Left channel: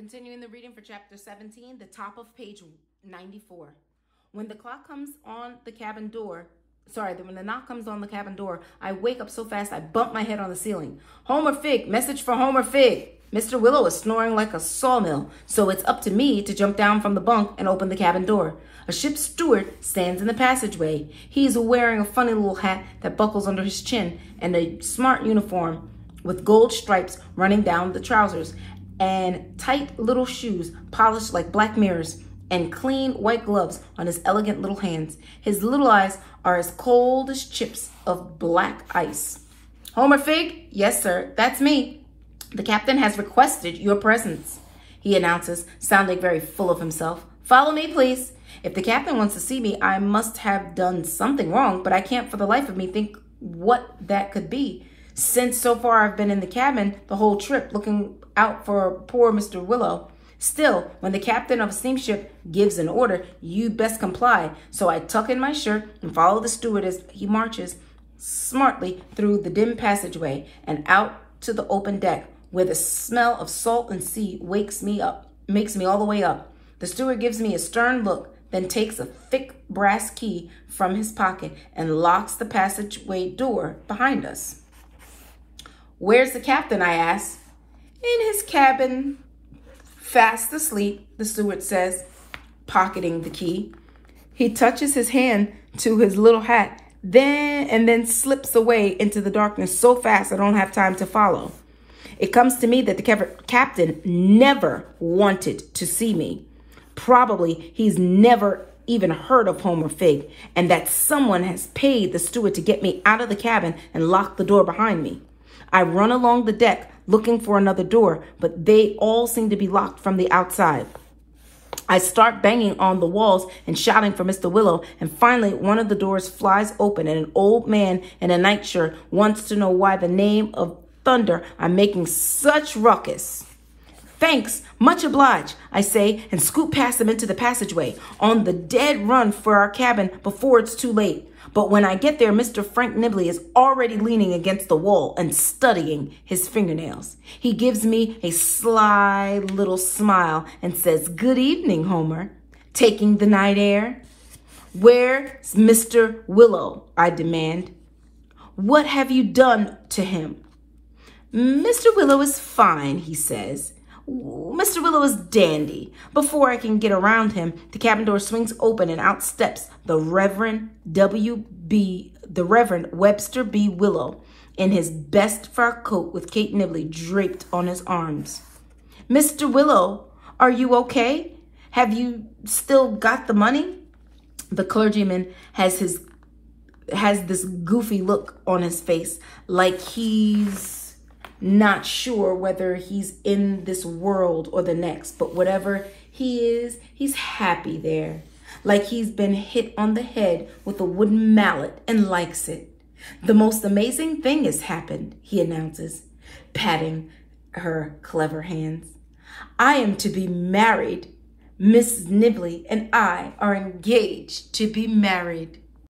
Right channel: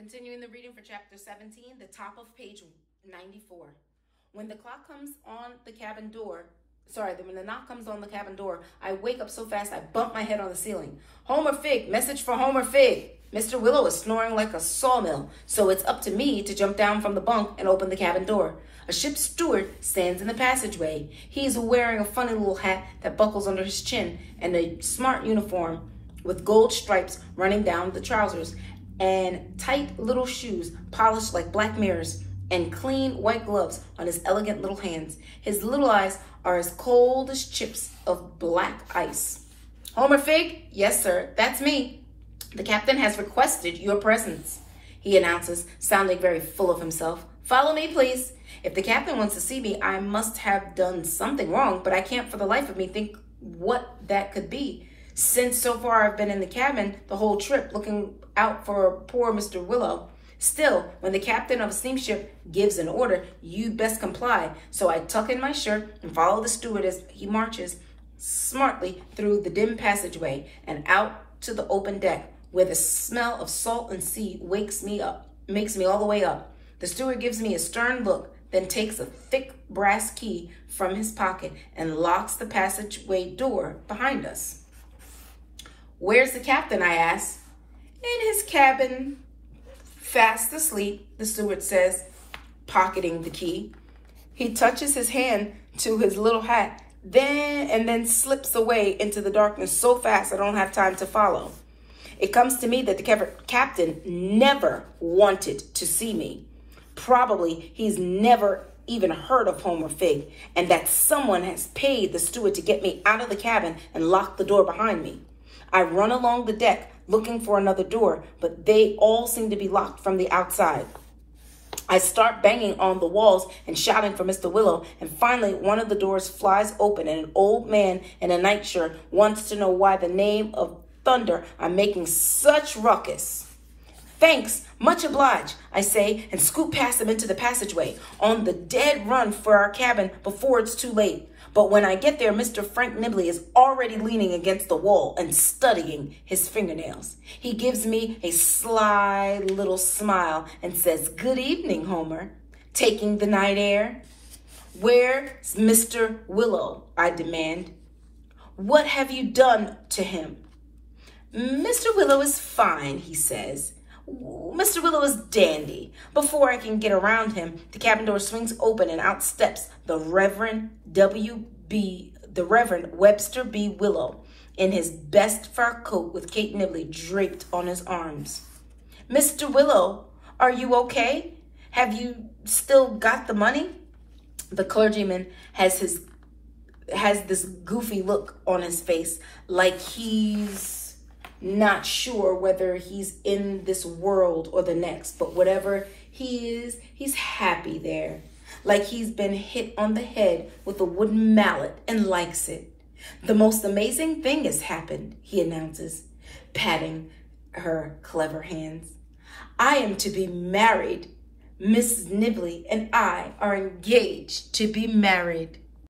Continuing the reading for chapter 17, the top of page 94. When the knock comes on the cabin door, I wake up so fast I bump my head on the ceiling. Homer Figg, message for Homer Figg. Mr. Willow is snoring like a sawmill, so it's up to me to jump down from the bunk and open the cabin door. A ship's steward stands in the passageway. He is wearing a funny little hat that buckles under his chin and a smart uniform with gold stripes running down the trousers, and tight little shoes polished like black mirrors, and clean white gloves on his elegant little hands. His little eyes are as cold as chips of black ice. Homer Figg? Yes, sir, that's me. The captain has requested your presence, he announces, sounding very full of himself. Follow me, please. If the captain wants to see me, I must have done something wrong, but I can't for the life of me think what that could be, since so far I've been in the cabin the whole trip looking out for poor Mr. Willow. Still, when the captain of a steamship gives an order, you'd best comply. So I tuck in my shirt and follow the steward as he marches smartly through the dim passageway and out to the open deck, where the smell of salt and sea wakes me up, makes me all the way up. The steward gives me a stern look, then takes a thick brass key from his pocket and locks the passageway door behind us. Where's the captain? I ask. In his cabin, fast asleep, the steward says, pocketing the key. He touches his hand to his little hat, then slips away into the darkness so fast I don't have time to follow. It comes to me that the captain never wanted to see me. Probably he's never even heard of Homer Figg, and that someone has paid the steward to get me out of the cabin and lock the door behind me. I run along the deck looking for another door, but they all seem to be locked from the outside. I start banging on the walls and shouting for Mr. Willow, and finally one of the doors flies open and an old man in a nightshirt wants to know why the name of thunder I'm making such ruckus. Thanks, much obliged, I say, and scoot past him into the passageway, on the dead run for our cabin before it's too late. But when I get there, Mr. Frank Nibley is already leaning against the wall and studying his fingernails. He gives me a sly little smile and says, "Good evening, Homer. Taking the night air?" "Where's Mr. Willow?" I demand. "What have you done to him?" "Mr. Willow is fine," he says. "Mr. Willow is dandy." Before I can get around him, the cabin door swings open and out steps the Reverend Webster B. Willow in his best fur coat with Kate Nibley draped on his arms. "Mr. Willow, are you okay? Have you still got the money?" The clergyman has this goofy look on his face, like he's not sure whether he's in this world or the next, but whatever he is, he's happy there, like he's been hit on the head with a wooden mallet and likes it. "The most amazing thing has happened," he announces, patting her clever hands. "I am to be married. Mrs. Nibley and I are engaged to be married."